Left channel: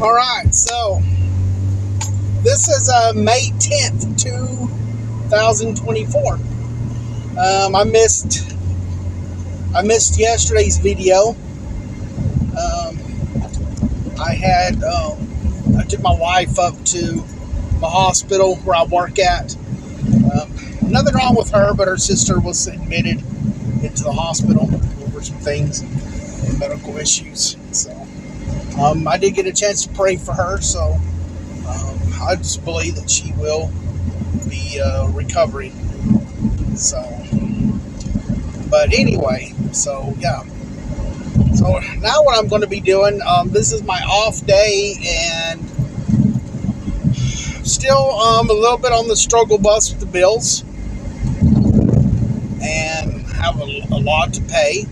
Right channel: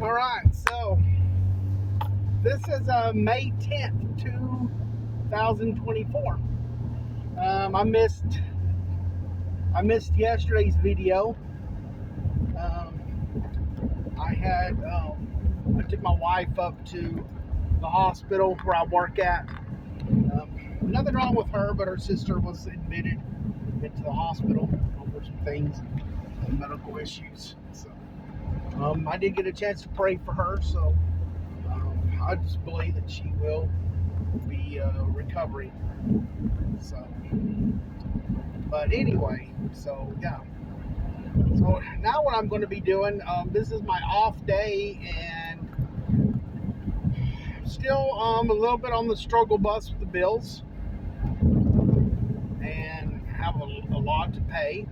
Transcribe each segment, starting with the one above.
All right, so this is May 10th, 2024. I missed yesterday's video. I took my wife up to the hospital where I work at. Nothing wrong with her, but her sister was admitted into the hospital over some things, medical issues. So I did get a chance to pray for her. So I just believe that she will be recovering. So, but anyway, so yeah. So now what I'm going to be doing, this is my off day, and still a little bit on the struggle bus with the bills, and have a lot to pay.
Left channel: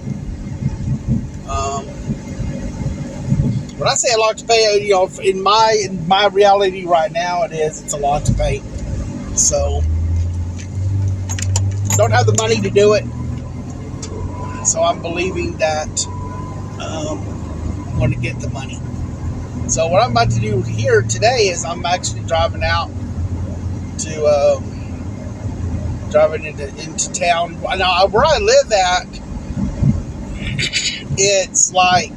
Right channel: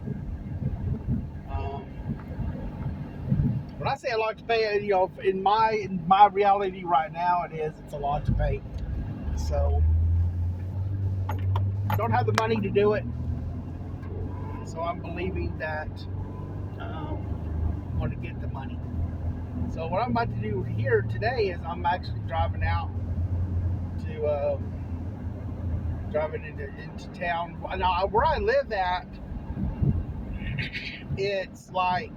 When I say a lot to pay, in my reality right now, it's a lot to pay. So don't have the money to do it. So I'm believing that I'm going to get the money. So what I'm about to do here today is I'm actually driving out to into town. Now where I live at, it's like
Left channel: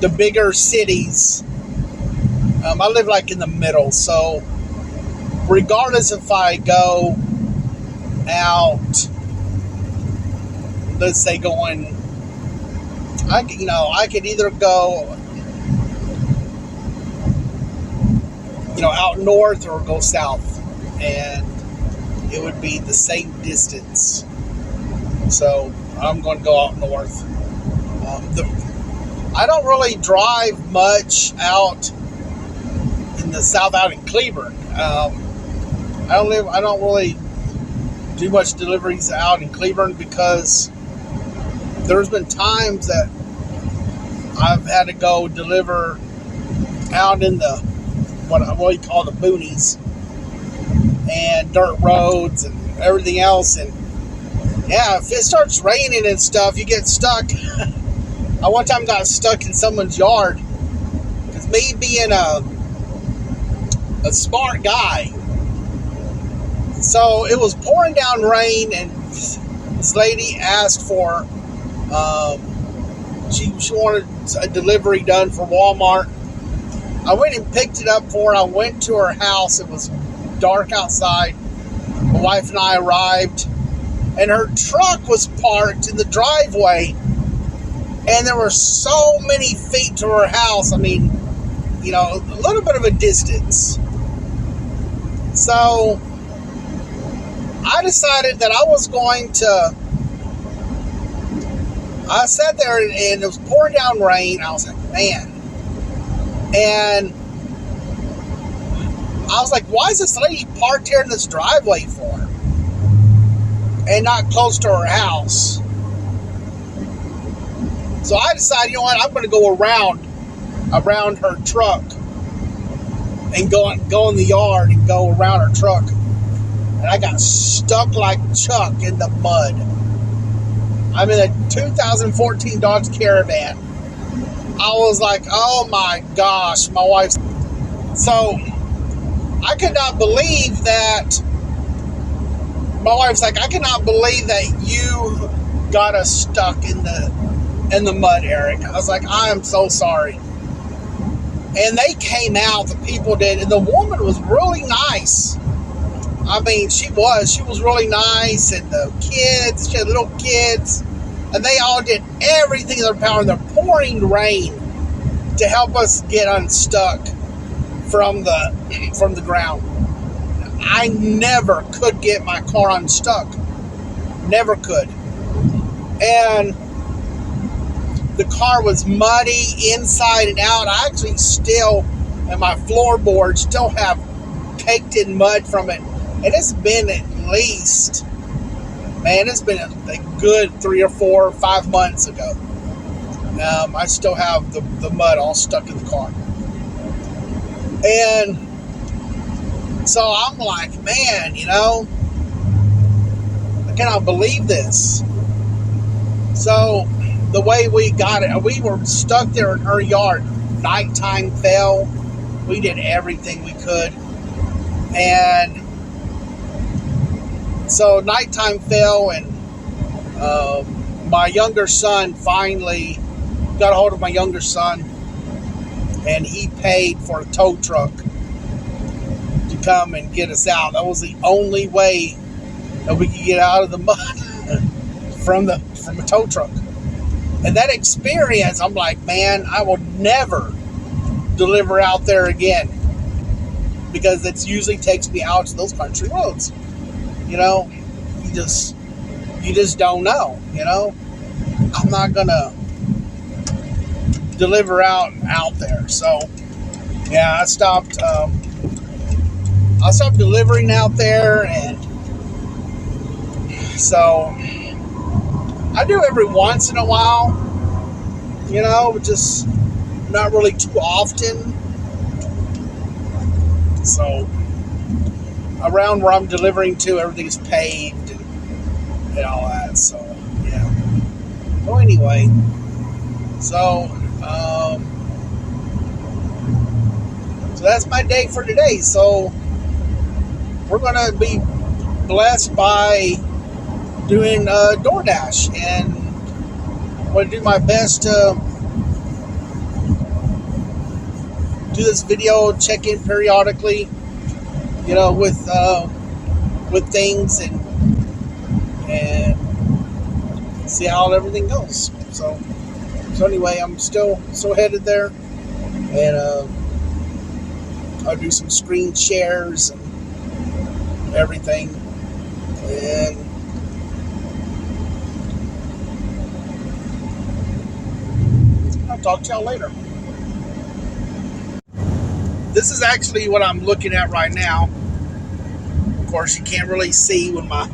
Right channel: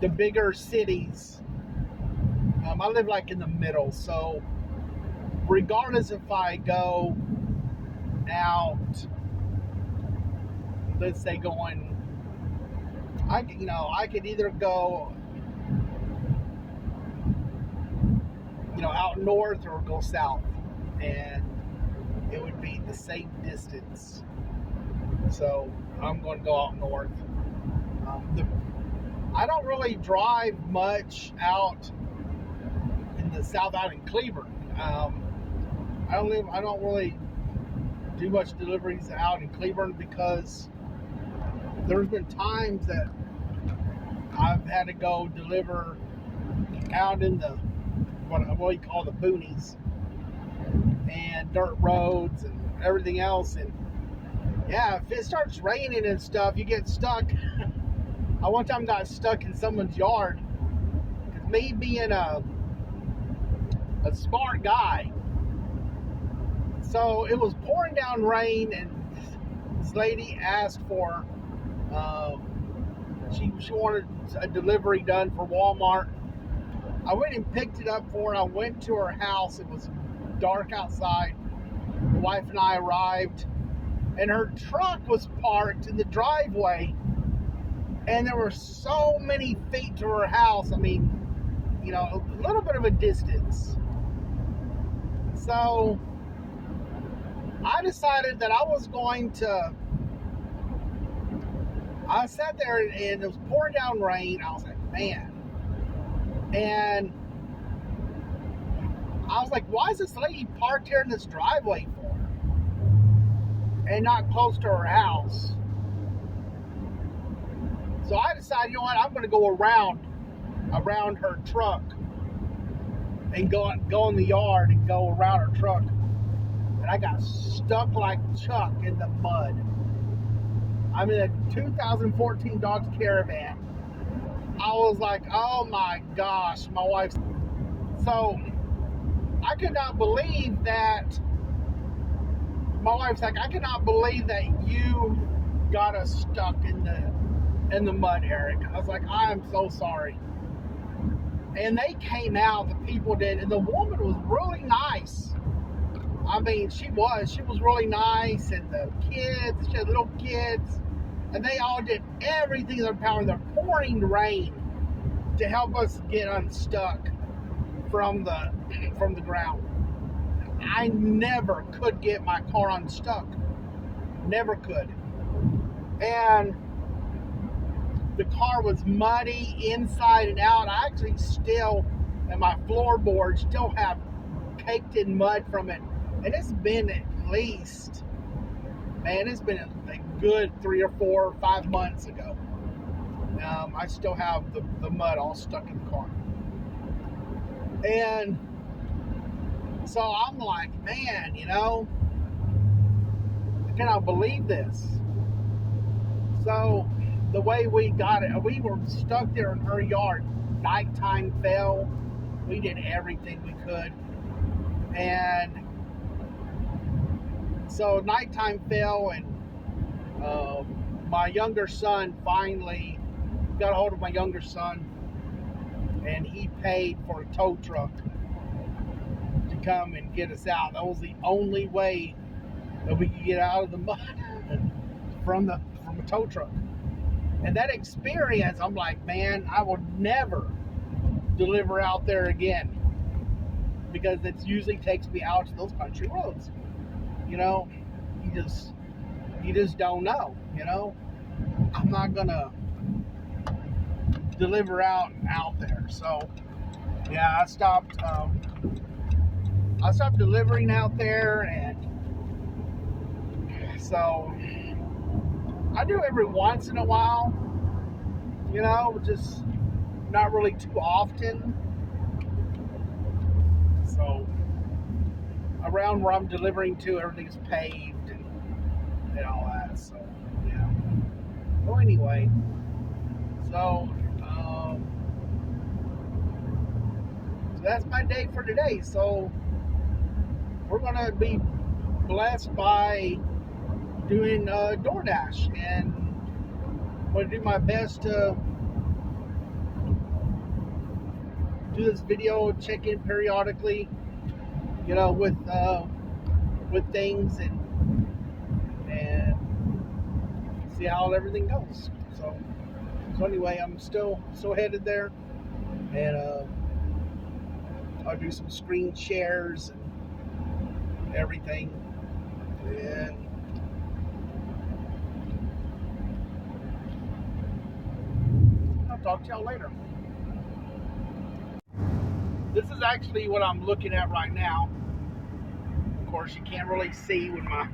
the bigger cities. I live like in the middle, so regardless if I go out, let's say I could either go out north or go south, and it would be the same distance. So I'm going to go out north. I don't really drive much out in the south, out in Cleburne. I don't really do much deliveries out in Cleburne because there's been times that I've had to go deliver out in the what you call the boonies and dirt roads and everything else. And yeah, if it starts raining and stuff, you get stuck. I one time got stuck in someone's yard because me being a smart guy. So it was pouring down rain, and this lady asked for she wanted a delivery done for Walmart. I went and picked it up for her. I went to her house. It was dark outside. My wife and I arrived, and her truck was parked in the driveway, and there were so many feet to her house. I mean, a little bit of a distance. So I decided that I sat there, and it was pouring down rain. I was like, man. And I was like, why is this lady parked here in this driveway for? And not close to her house. So I decided, I'm going to go around her truck and go in the yard and go around her truck. And I got stuck like Chuck in the mud. I'm in a 2014 Dodge Caravan. I was like, oh my gosh, my wife's... So I could not believe that. My wife's like, I cannot believe that you got us stuck in the mud, Eric. I was like, I am so sorry. And they came out, the people did, and the woman was really nice. I mean, she was really nice, and the kids, she had little kids, and they all did everything in their power in the pouring rain to help us get unstuck from the ground. I never could get my car unstuck. Never could. And the car was muddy inside and out. I actually and my floorboards still have caked in mud from it. And it's been at least, it's been a good 3 or 4 or 5 months ago. I still have the mud all stuck in the car. And so I'm like, man, I cannot believe this. So the way we got it, we were stuck there in her yard nighttime fell, we did everything we could. And so nighttime fell, and my younger son finally got a hold of my younger son, and he paid for a tow truck to come and get us out. That was the only way that we could get out of the mud from a tow truck. And that experience, I'm like, man, I will never deliver out there again, because it usually takes me out to those country roads. You know, you just don't know. You know, I'm not gonna deliver out there. So yeah, I stopped delivering out there, and so I do every once in a while, you know, just not really too often. So around where I'm delivering to, everything's paved and all that. So yeah. So anyway, so that's my day for today. So we're gonna be blessed by doing DoorDash, and I'm gonna do my best to do this video, check in periodically, you know, with things, and see how everything goes. So anyway, I'm still headed there, and I'll do some screen shares and everything, and I'll talk to y'all later. This is actually what I'm looking at right now. Of course, you can't really see when my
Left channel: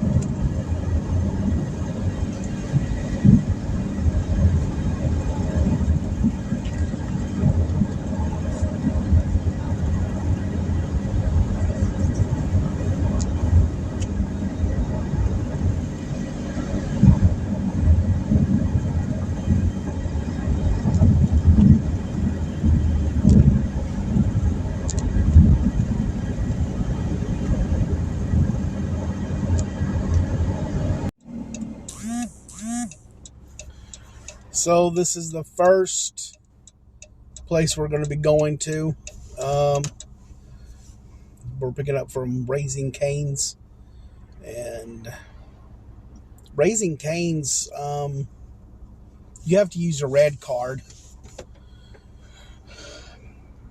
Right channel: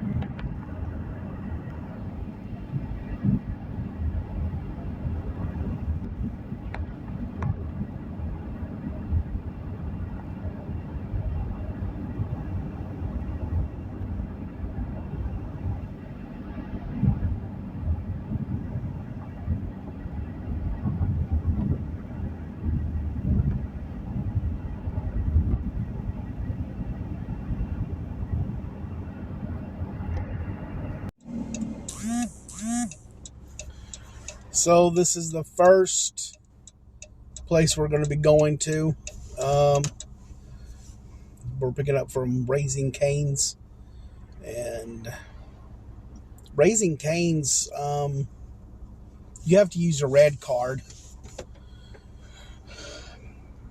So this is the first place we're going to be going to. We're picking up from Raising Cane's, and Raising Cane's, you have to use a red card,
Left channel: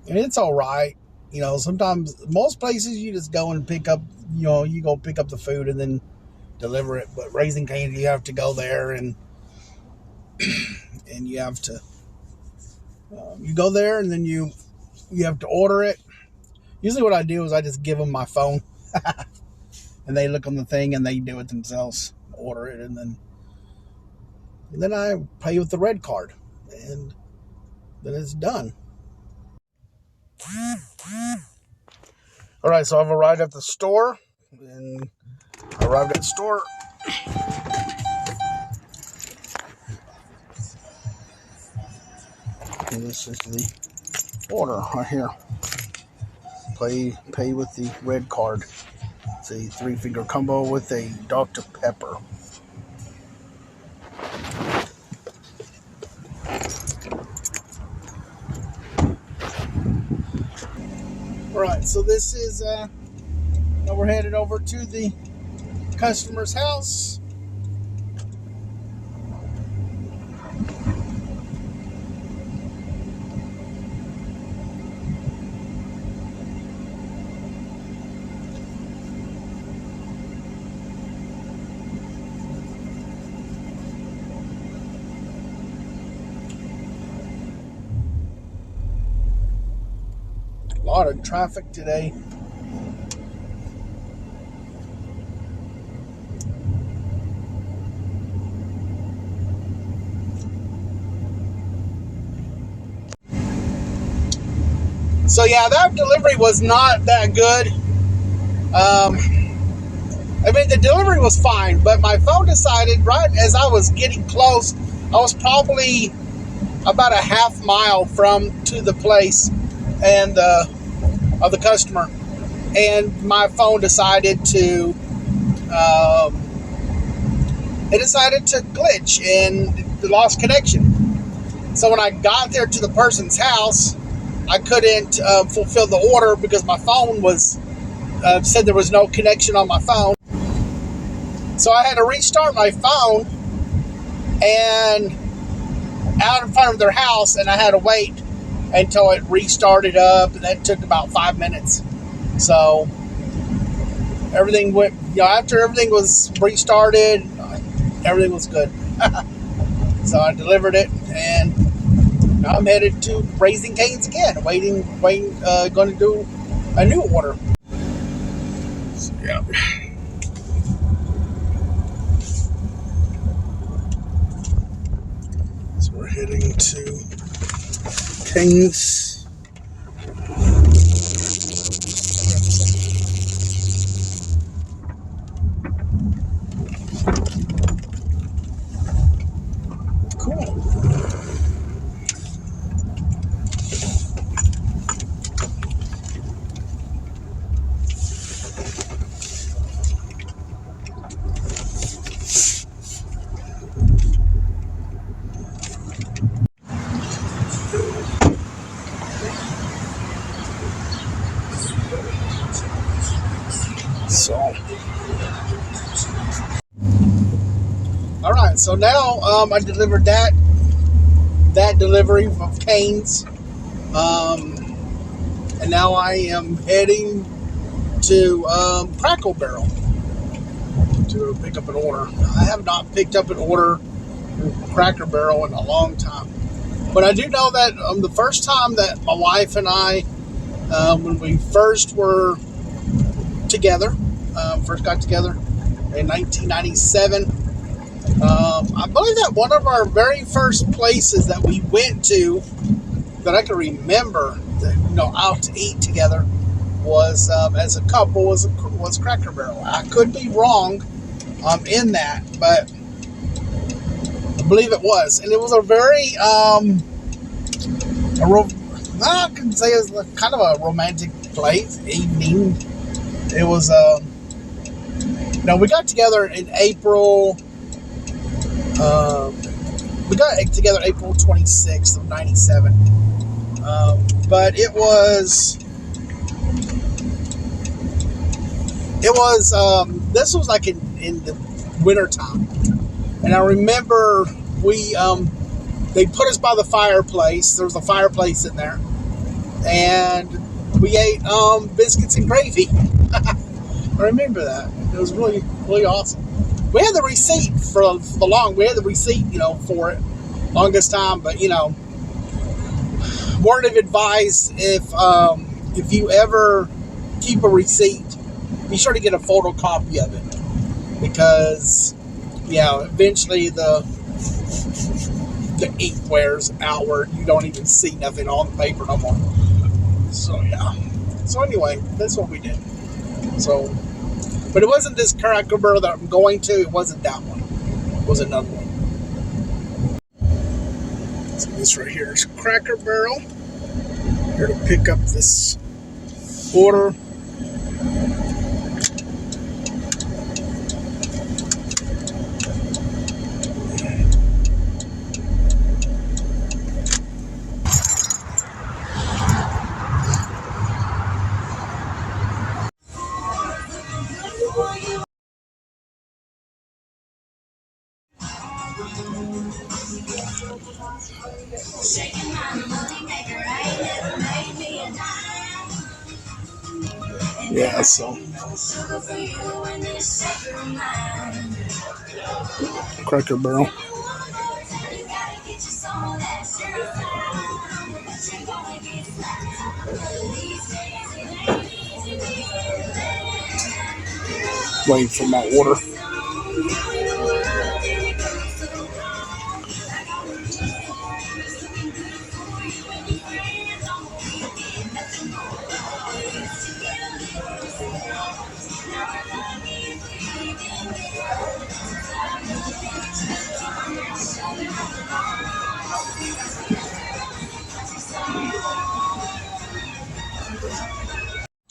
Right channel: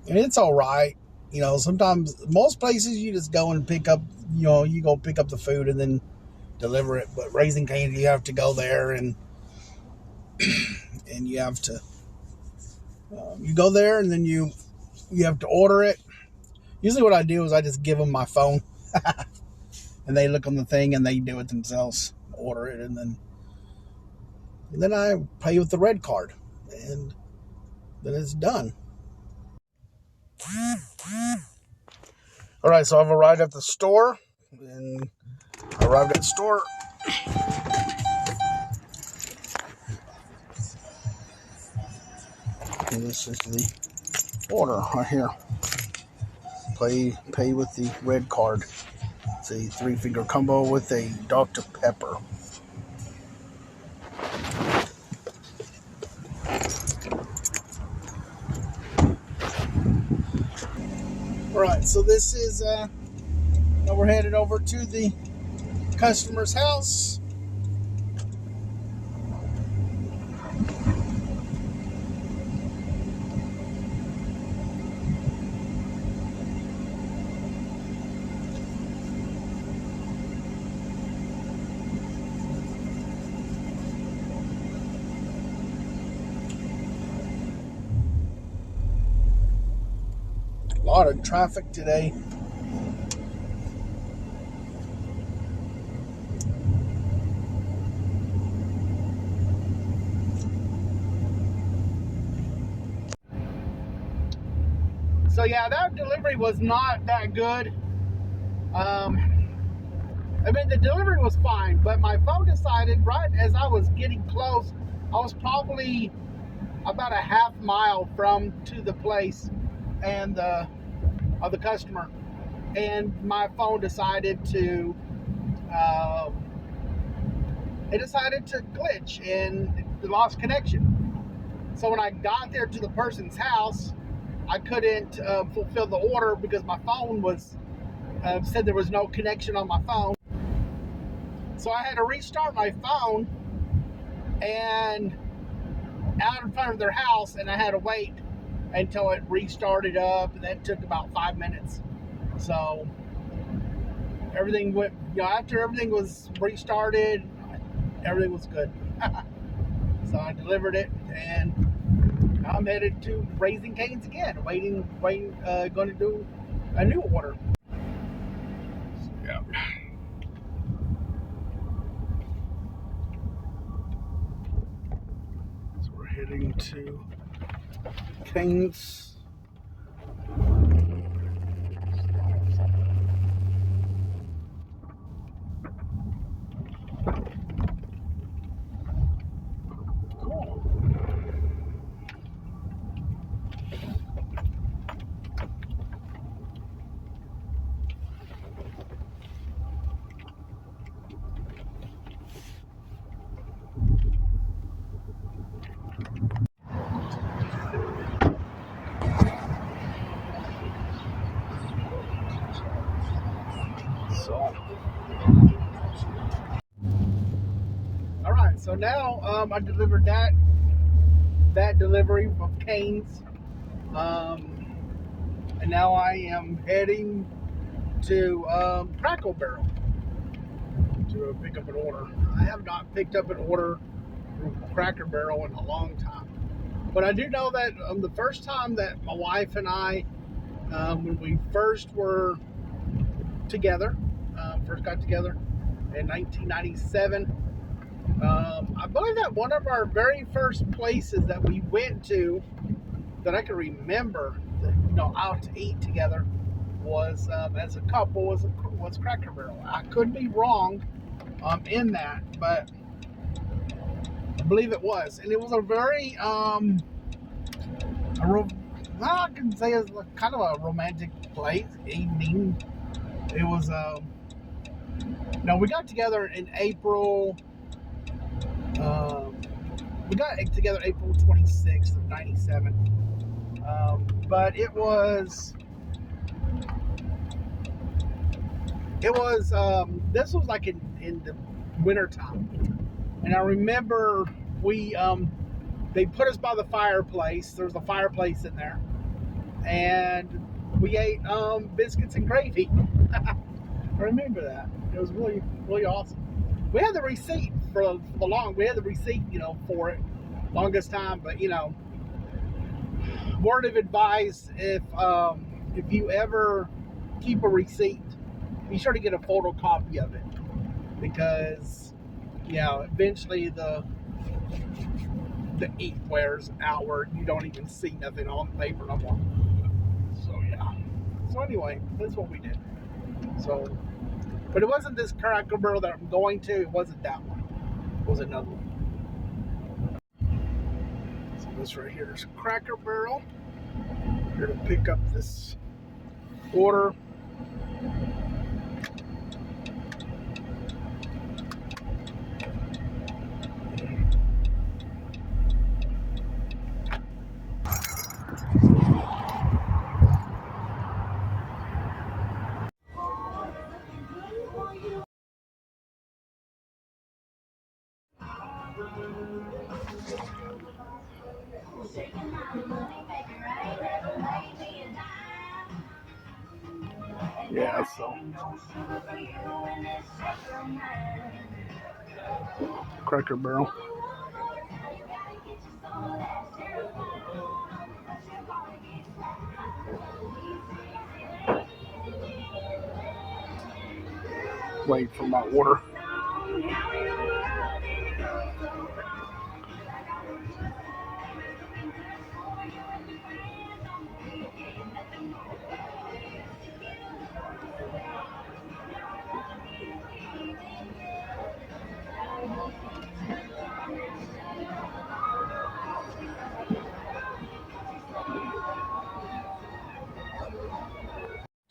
and it's all right. You know, sometimes most places you just go and pick up, you know, you go pick up the food and then deliver it. But Raising Cane's, you have to go there, and you have to you go there, and then you have to order it. Usually what I do is I just give them my phone and they look on the thing and they do it themselves, order it, and then I pay with the red card, and then it's done. All right, so I've arrived at the store, and and this is the order right here. Pay with the red card. It's a 3-finger combo with a Dr. Pepper. Alright, so this is now we're headed over to the customer's house. A lot of traffic today. So yeah, that delivery was not that good. I mean, the delivery was fine, but my phone decided right as I was getting close, I was probably about a half mile from to the place and of the customer, and my phone decided to it decided to glitch and it lost connection. So when I got there to the person's house, I couldn't fulfill the order because my phone was said there was no connection on my phone. So I had to restart my phone and out in front of their house, and I had to wait until it restarted up, and that took about 5 minutes. So everything went, after everything was restarted, everything was good. So I delivered it, and now I'm headed to Raising Cane's again, waiting, going to do a new order. So, yeah. So we're heading to Cane's. Cool. So, all right. So now I delivered that delivery of Cane's, and now I am heading to Cracker Barrel to pick up an order. I have not picked up an order from Cracker Barrel in a long time, but I do know that the first time that my wife and I, when we first were together, first got together in 1997. I believe that one of our very first places that we went to that I can remember, that, out to eat together was as a couple was Cracker Barrel. I could be wrong in that, but I believe it was, and it was a very I can say it's kind of a romantic place evening. It was we got together in April. We got together April 26th of 97. But it was this was like in the winter time. And I remember they put us by the fireplace. There was a fireplace in there. And we ate biscuits and gravy. I remember that. It was really, really awesome. We had the receipt for the long. We had the receipt, for it, longest time. But word of advice: if you ever keep a receipt, be sure to get a photocopy of it, because eventually the ink wears outward. You don't even see nothing on the paper no more. So yeah. So anyway, that's what we did. So. But it wasn't this Cracker Barrel that I'm going to. It wasn't that one. It was another one. So this right here is Cracker Barrel. Here to pick up this order. Yeah, so Cracker Barrel. Waiting for my order.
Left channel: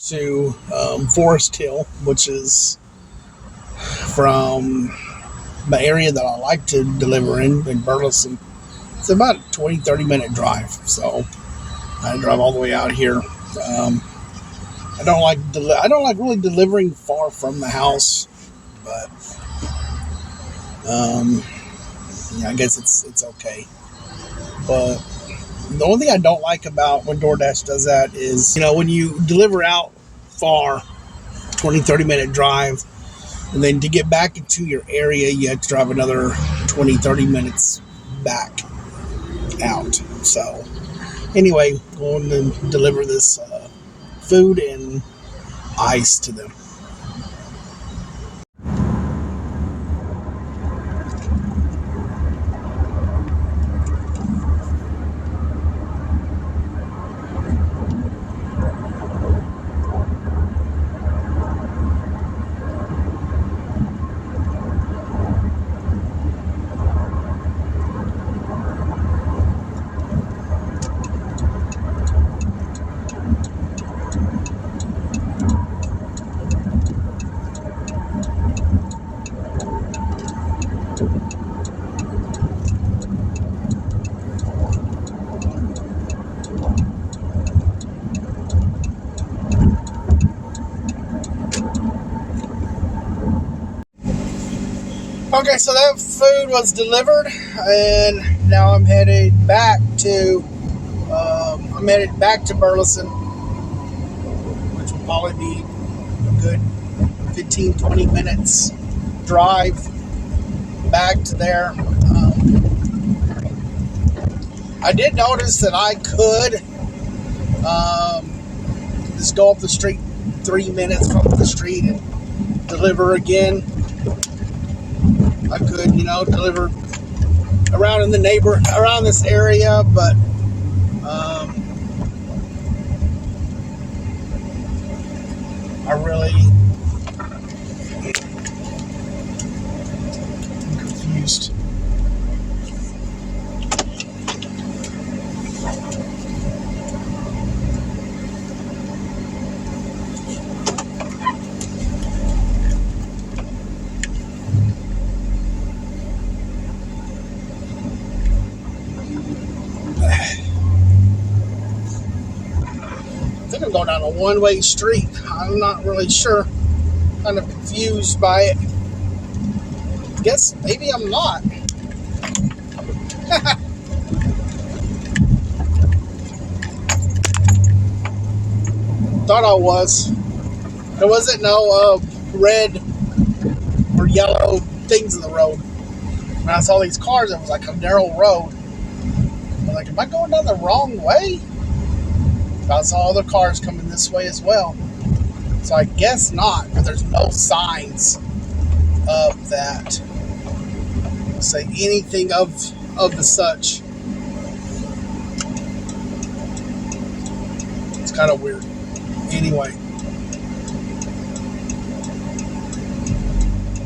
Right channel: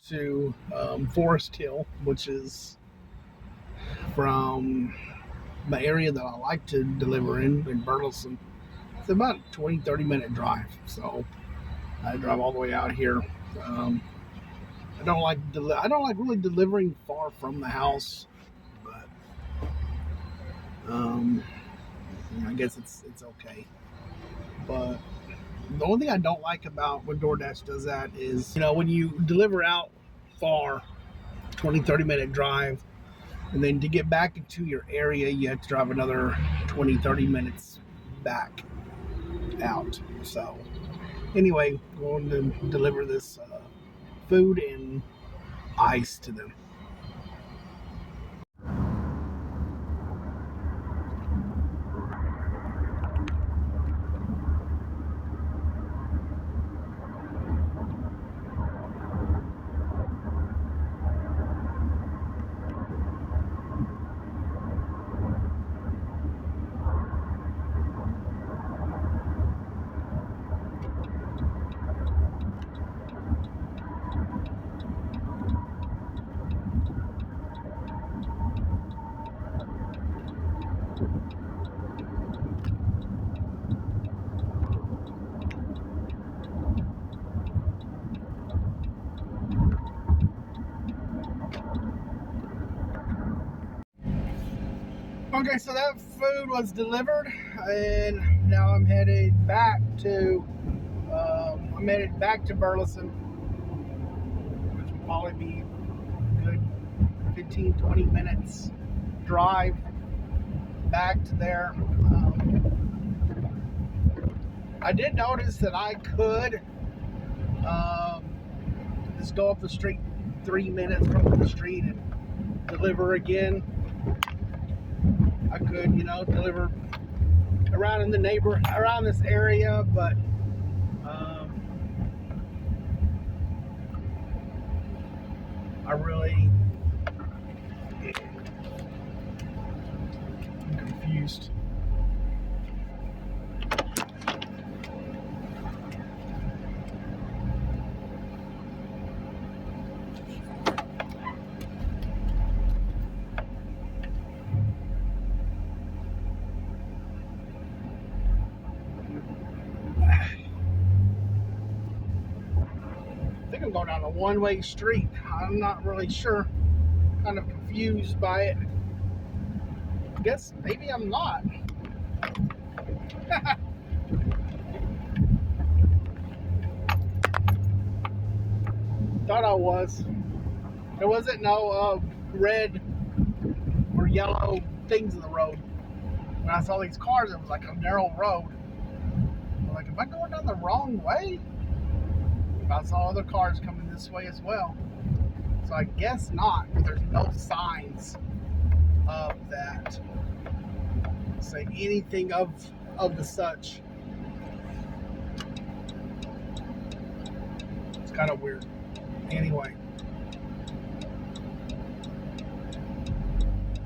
to Forest Hill, which is from the area that I like to deliver in Burleson. It's about a 20-30 minute drive, so I drive all the way out here. Um, I don't like really delivering far from the house, but um, yeah, I guess it's okay. But the only thing I don't like about when DoorDash does that is, when you deliver out far, 20-30 minute drive, and then to get back into your area, you have to drive another 20-30 minutes back out. So anyway, going to deliver this food and ice to them. Okay, so that food was delivered, and now I'm headed back to Burleson, which will probably be a good 15-20 minutes drive back to there. I did notice that I could just go up the street 3 minutes from the street and deliver again. I could, deliver around around this area, but I really am confused. I think I'm going down a one-way street. I'm not really sure. Kind of confused by it. I guess maybe I'm not. Thought I was. There wasn't no red or yellow things in the road. When I saw these cars, it was like a narrow road. I'm like, am I going down the wrong way? I saw other cars coming this way as well. So I guess not, but there's no signs of that. Say anything of the such. It's kind of weird. Anyway,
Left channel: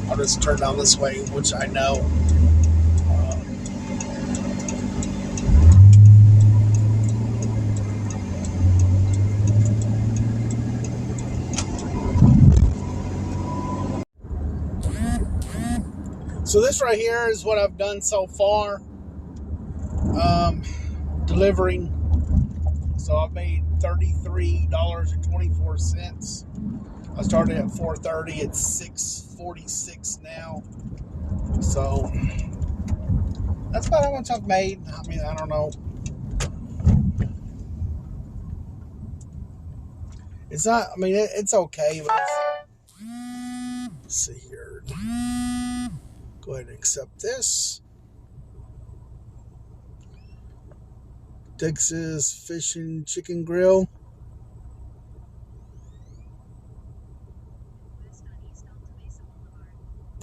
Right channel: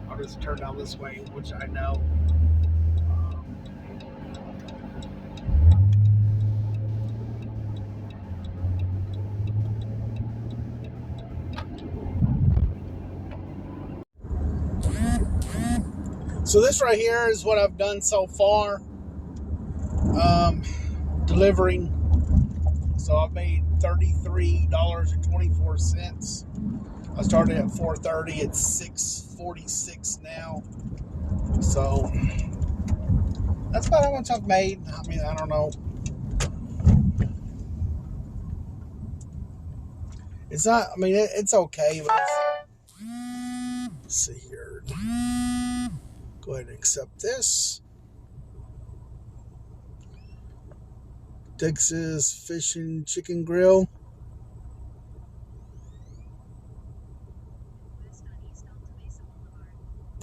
I'll just turn down this way, which I know. So this right here is what I've done so far. Delivering. So I've made $33.24. I started at 4:30. It's 6:46 now. So that's about how much I've made. I mean, I don't know. It's not. I mean, it's okay. But let's see here. Go ahead and accept this. Texas Fish and Chicken Grill.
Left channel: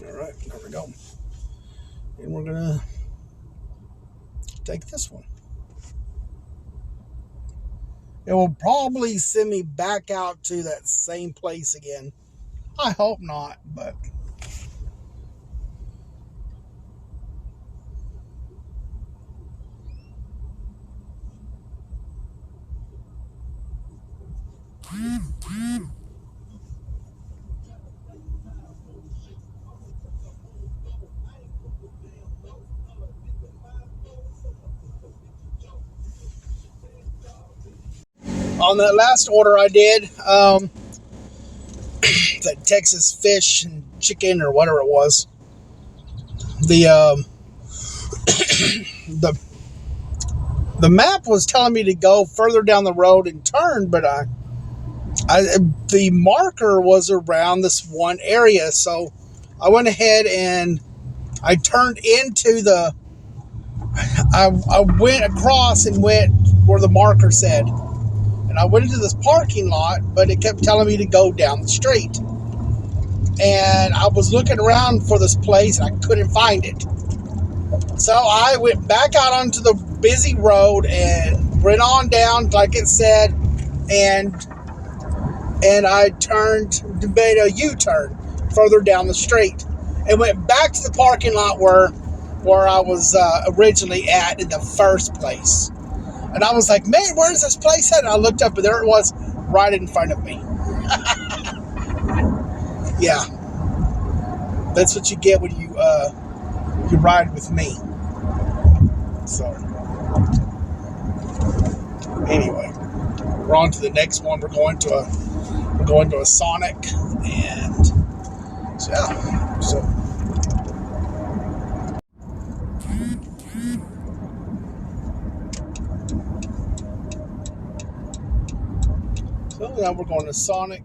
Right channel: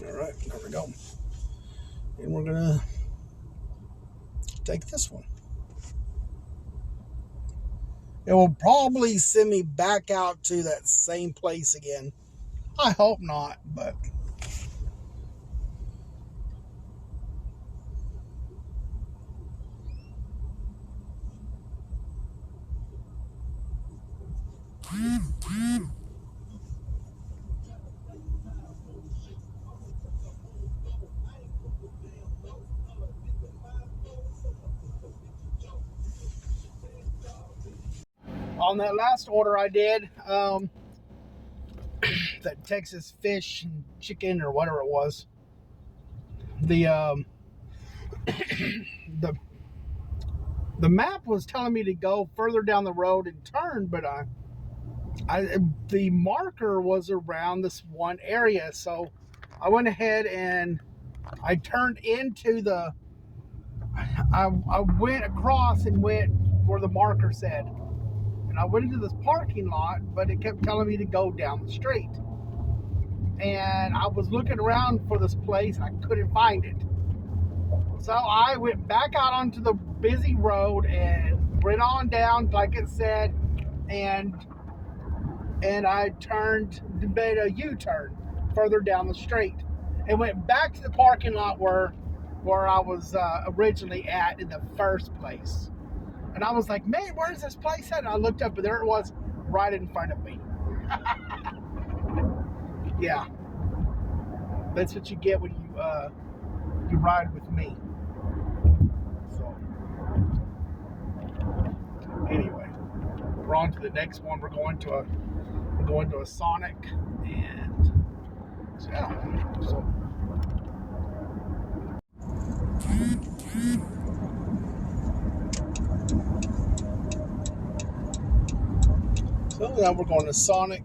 All right, there we go. And we're gonna take this one. It will probably send me back out to that same place again. I hope not, but on that last order I did, that Texas fish and chicken or whatever it was, the the the map was telling me to go further down the road and turn, but the marker was around this one area, so I went ahead and I turned into the. I went across and went where the marker said, and I went into this parking lot, but it kept telling me to go down the street. And I was looking around for this place, and I couldn't find it. So I went back out onto the busy road and went on down, like it said, and I made a U-turn further down the street, and went back to the parking lot where I was originally at in the first place. And I was like, man, where's this place at? And I looked up, and there it was, right in front of me. Yeah, that's what you get when you ride with me. So anyway, we're on to the next one. We're going to a Sonic, and so yeah. So now we're going to Sonic.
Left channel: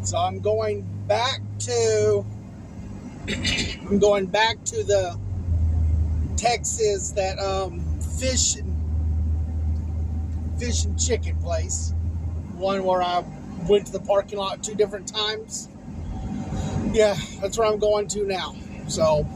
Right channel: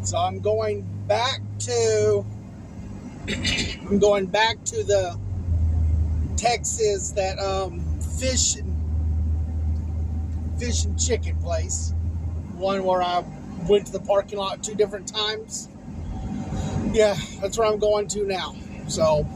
So I'm going back to the Texas, that fish and chicken place, one where I went to the parking lot 2 different times. Yeah, that's where I'm going to now. So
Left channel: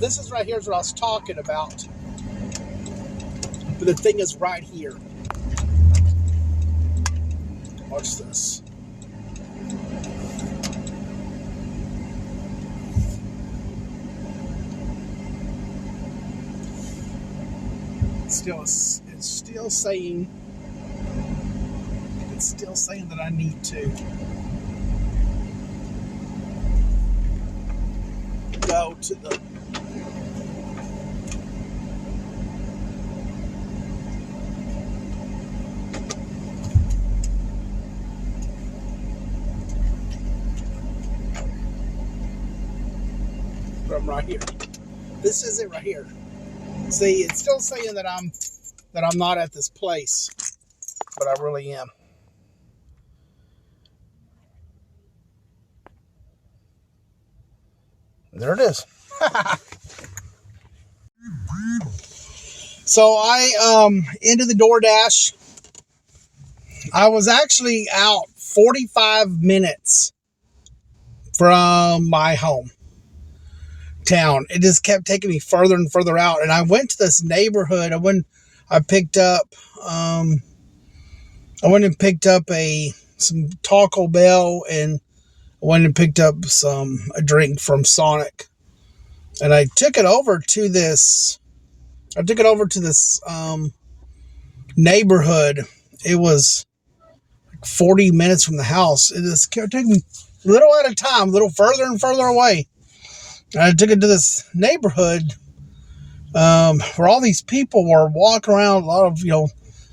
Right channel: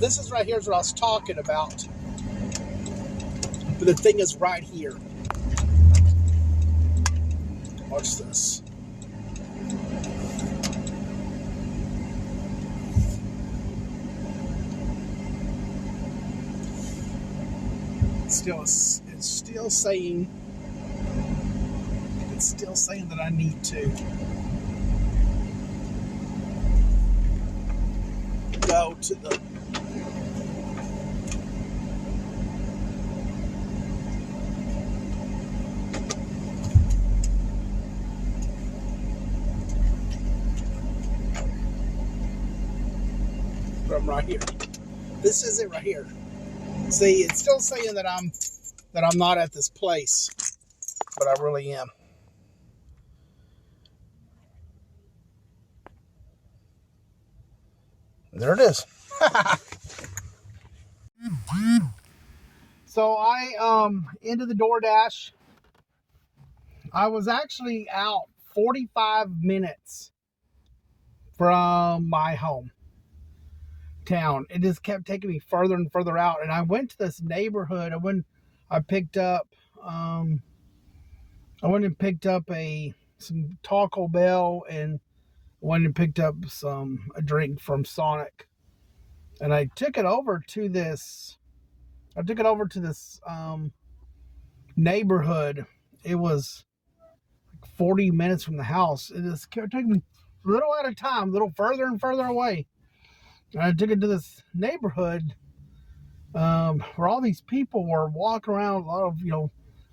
this is right here is what I was talking about. But the thing is right here. Watch this. It's still saying that I need to go to the right here. This is it right here. See, it's still saying that I'm not at this place, but I really am. There it is. So I into the DoorDash. I was actually out 45 minutes from my home town. It just kept taking me further and further out, and I went to this neighborhood. I picked up some Taco Bell, and I went and picked up a drink from Sonic, and I took it over to this neighborhood. It was like 40 minutes from the house. It just kept taking me a little at a time, a little further and further away. And I took it to this neighborhood where all these people were walking around. A lot of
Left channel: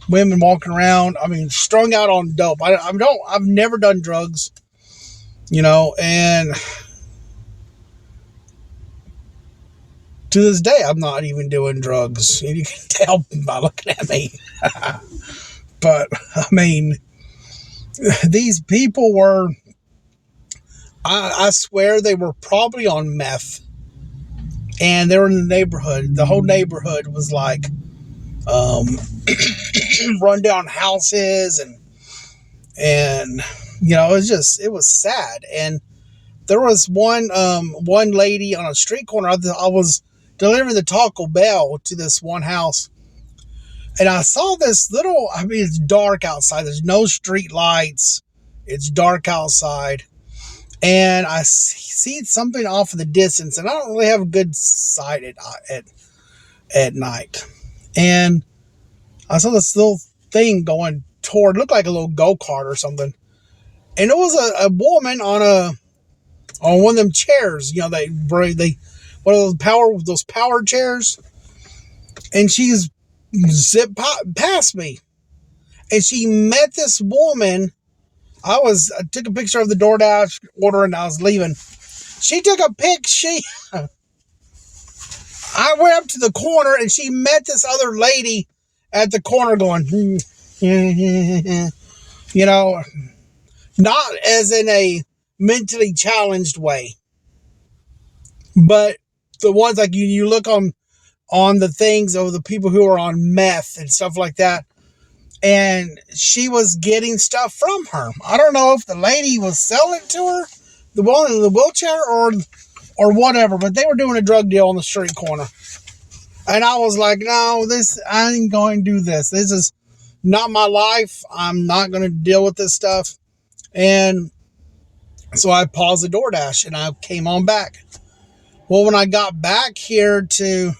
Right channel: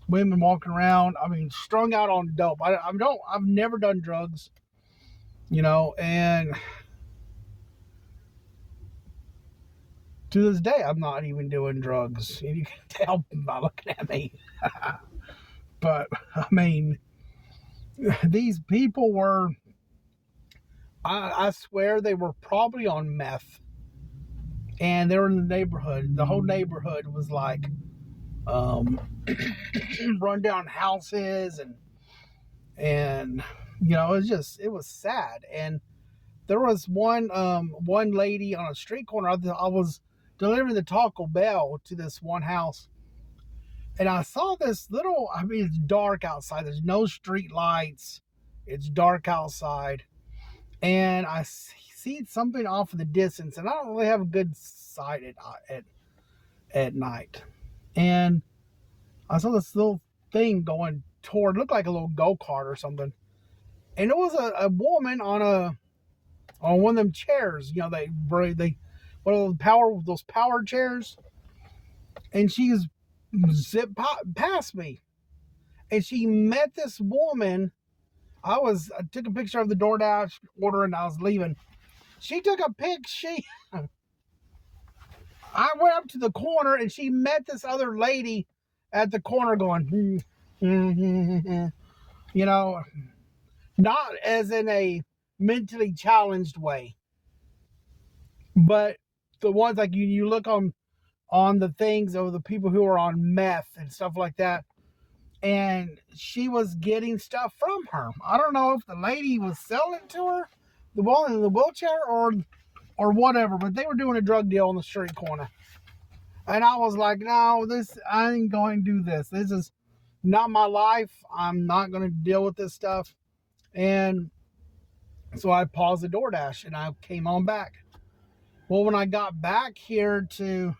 women walking around. I mean, strung out on dope. I've never done drugs, and to this day, I'm not even doing drugs. You can tell by looking at me. But, I mean, these people were, I swear they were probably on meth. And they were in the neighborhood. The whole neighborhood was like rundown houses. And it was sad. And there was one lady on a street corner. I was delivering the Taco Bell to this one house, and I saw this it's dark outside. There's no street lights. It's dark outside, and I see something off in the distance, and I don't really have a good sight at night. And I saw this little thing going toward, looked like a little go-kart or something, and it was a woman on one of them chairs. One of those power chairs, and she's zipped past me, and she met this woman. I took a picture of the DoorDash order, and I was leaving. She took a pic. I went up to the corner, and she met this other lady at the corner going, not as in a mentally challenged way, but the ones like you look on the things of the people who are on meth and stuff like that, and she was getting stuff from her. I don't know if the lady was selling it to her, the one in the wheelchair, or whatever, but they were doing a drug deal on the street corner. And I was like, no, I ain't going to do this. This is not my life. I'm not going to deal with this stuff. And so I paused the DoorDash, and I came on back. Well, when I got back into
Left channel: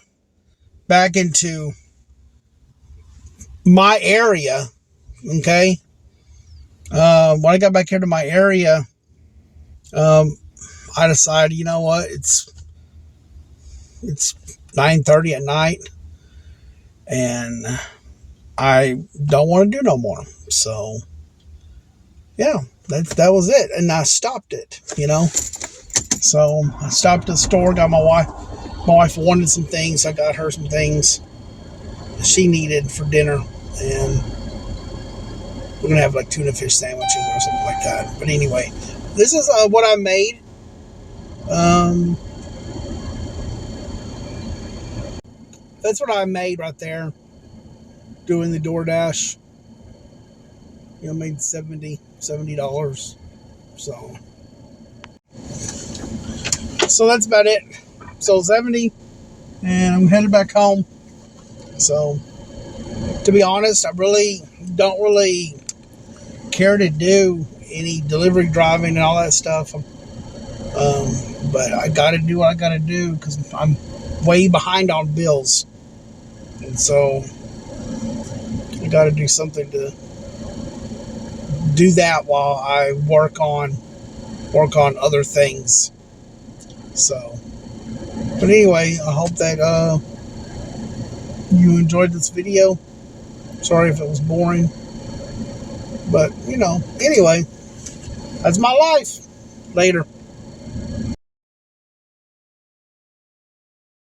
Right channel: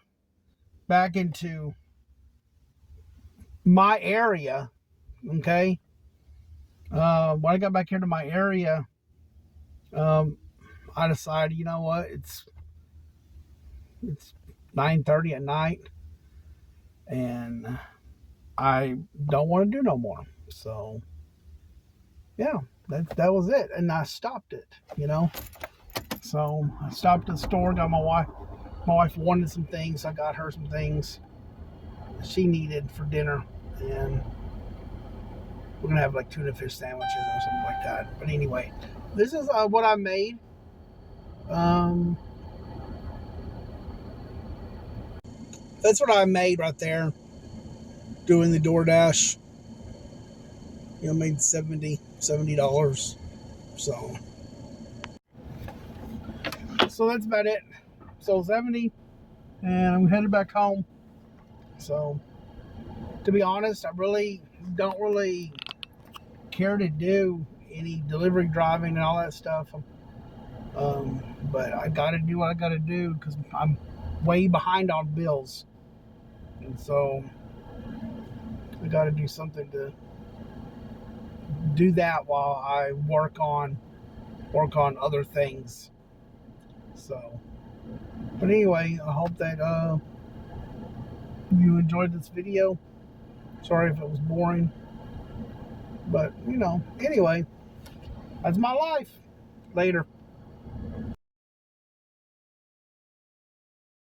my area, okay, when I got back here to my area, I decided, you know what, it's 9:30 at night, and I don't want to do no more. So, yeah, that was it, and I stopped it, So I stopped at the store, got my wife. My wife wanted some things. I got her some things she needed for dinner, and we're gonna have like tuna fish sandwiches or something like that. But anyway, this is what I made. That's what I made right there, doing the DoorDash. Made $70. So that's about it. So 70, and I'm headed back home. So, to be honest, I really don't care to do any delivery driving and all that stuff. But I got to do what I got to do because I'm way behind on bills, and so I got to do something to do that while I work on other things. So, but anyway, I hope that you enjoyed this video. Sorry if it was boring, but anyway, that's my life. Later.